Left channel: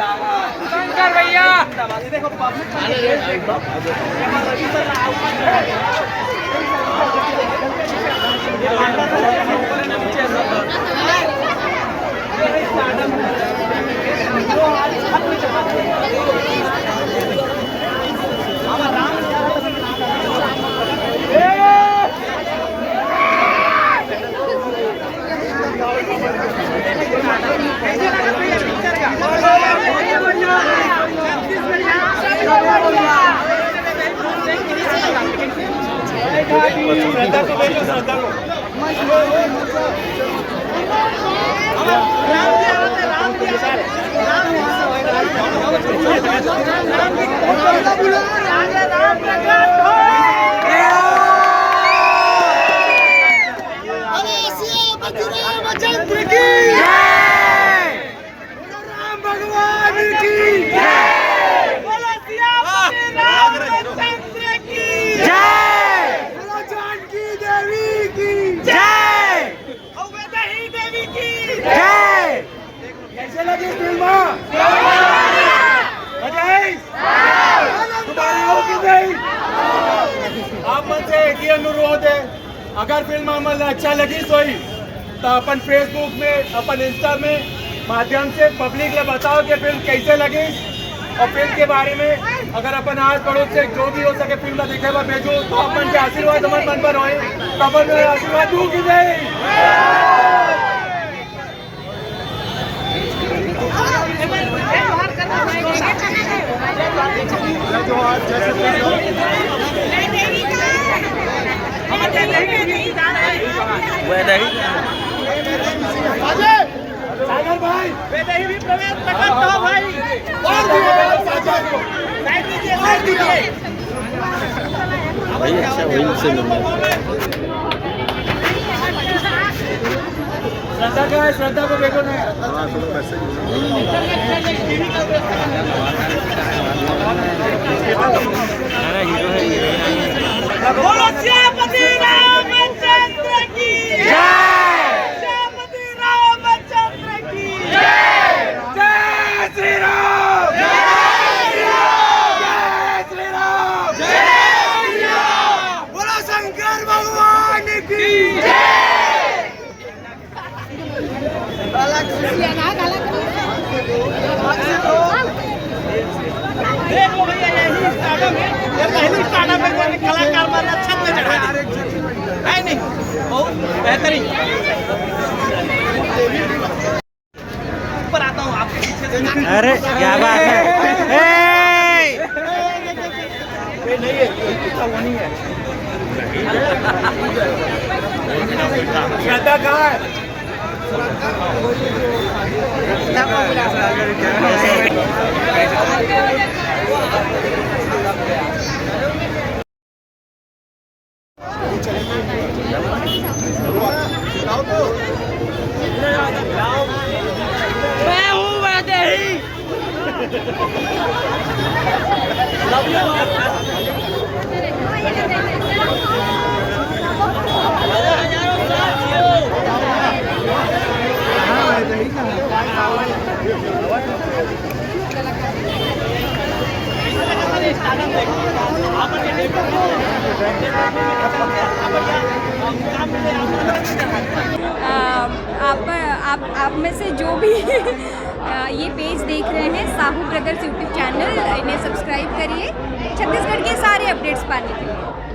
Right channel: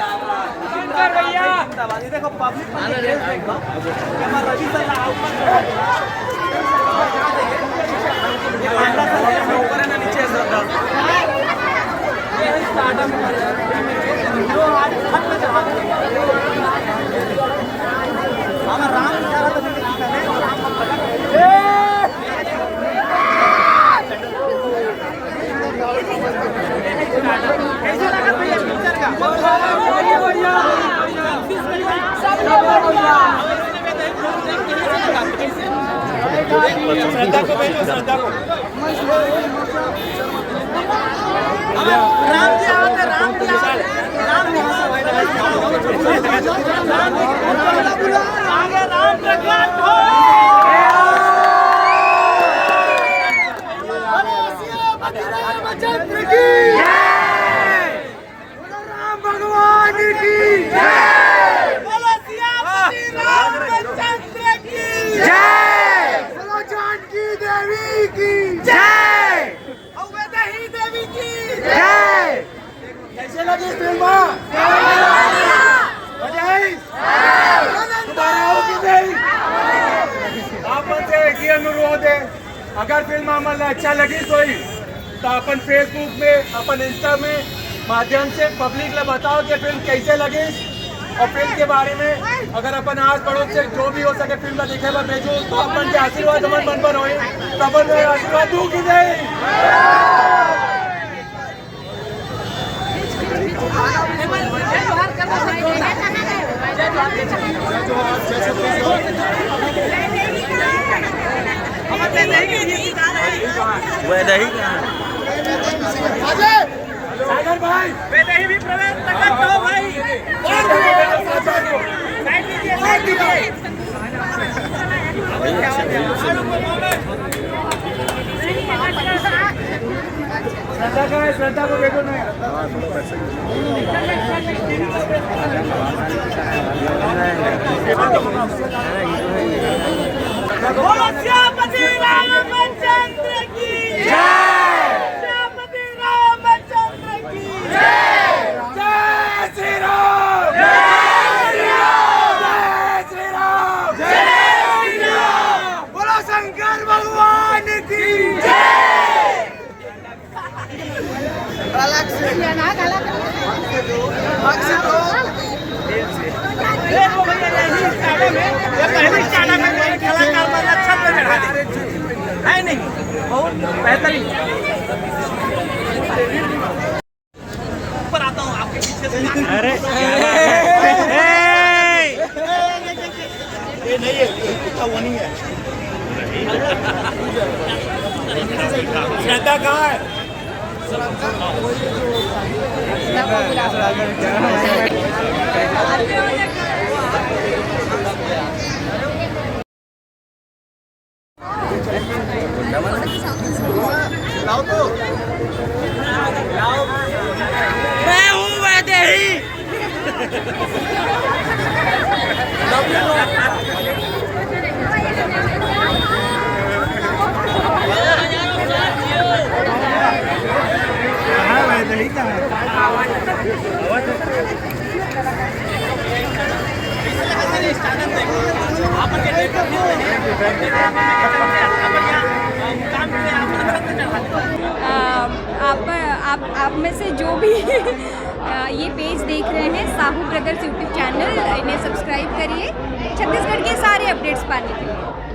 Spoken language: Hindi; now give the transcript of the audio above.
भैया देखो राम प्रकट हो रामचंद्र की जय, राम भगवान की जय, बोलो सियापति रामचंद्र की जय, बोलो जानकी देवी की जय, अवधेही देवी की जय। कैसे लगी फिल्म? दोबारा आओ कि नहीं? आप मुझसे ये अनुरोध है, अगर फिल्म आम्हाला अच्छा लगी तो अपन फेसबुक में अपन इंस्टा में माध्यम से पब्लिक ले बताओ कि फिल्म कैसे लगी और फिल्म के बारे में अगर अपन आस पड़ोस से जो भी हो सके फिल्म देखे बा भेजो तो अपन के आशीर्वाद हमारे मन पर होए तो अपन में आशीर्वाद दूं कि नहीं? सागर भाई वेदही भी प्रवेश प्रकट करो भाई साइड लीजिए श्रद्धा का है, श्रद्धा को देखो ना बोलो सियापति रामचंद्र की जय, सियापति रामचंद्र की जय, जय श्री राम, जय श्री राम, जय श्री राम, जय श्री राम, बोलो शंकर भगवान की जय। देखो भैया यही स्टार्टअप है, ये पहली स्टार्टअप है जो कलाकार वाला छत में चढ़ा नहीं बहुत बेहतरीन। ऊपर आता हूँ आपके पीछे। अरे क्या बात है, ये नहीं है, इसका वो नहीं है। श्रद्धा कहाँ है? मैं हूँ वैदेही। आप में से जो भी ये पेज देख रहे हैं साहू ब्रदर्स यूट्यूब चैनल, इन्हें सब्सक्राइब करिए छत्तीसगढ़ के सारे अपडेट्स पाने के लिए।